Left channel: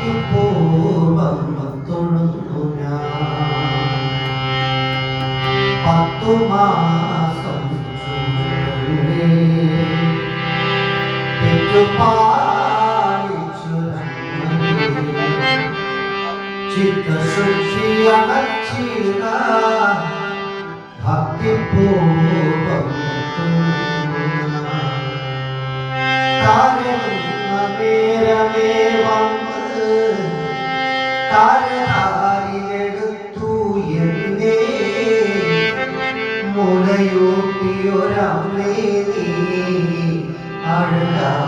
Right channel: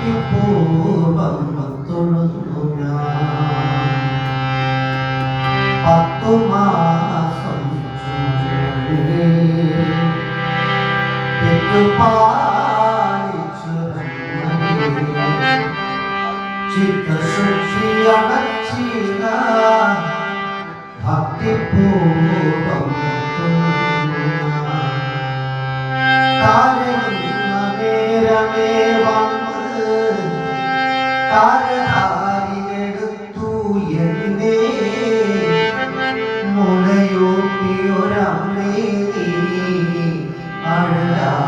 ഭക്തിപൂർവം തൊഴുന്നു പത്തു മാസം ചുരുളേ சித்த சுச்சியமச்சிரா பக்தி பூர்வம் முளையூட்டியொரമ്മേ நீ அழகா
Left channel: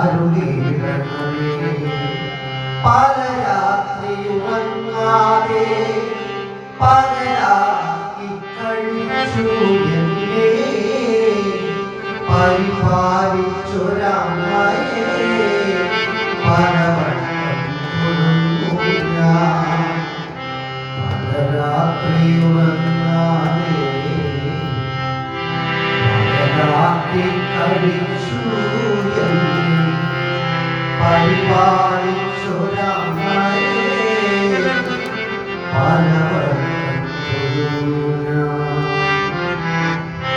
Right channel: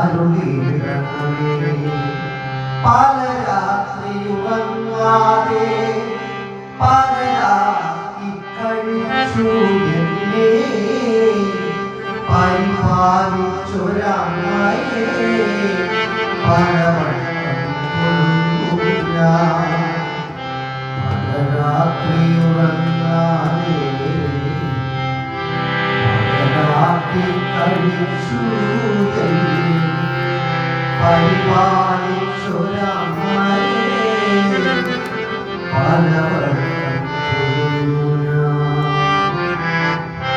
അരുളിടണമേ പല രാത്രിയുറങ്ങാതെ പകരാക്കി കഴിച്ചു എന്നെ പരിപാലിച്ചൊരമ്മയെ പലവട്ടം തൊഴുന്നു ഞാൻ പല രാത്രിയുറങ്ങാതെ കഴിച്ചു എന്നെ പരിപാലിച്ചൊരമ്മയെ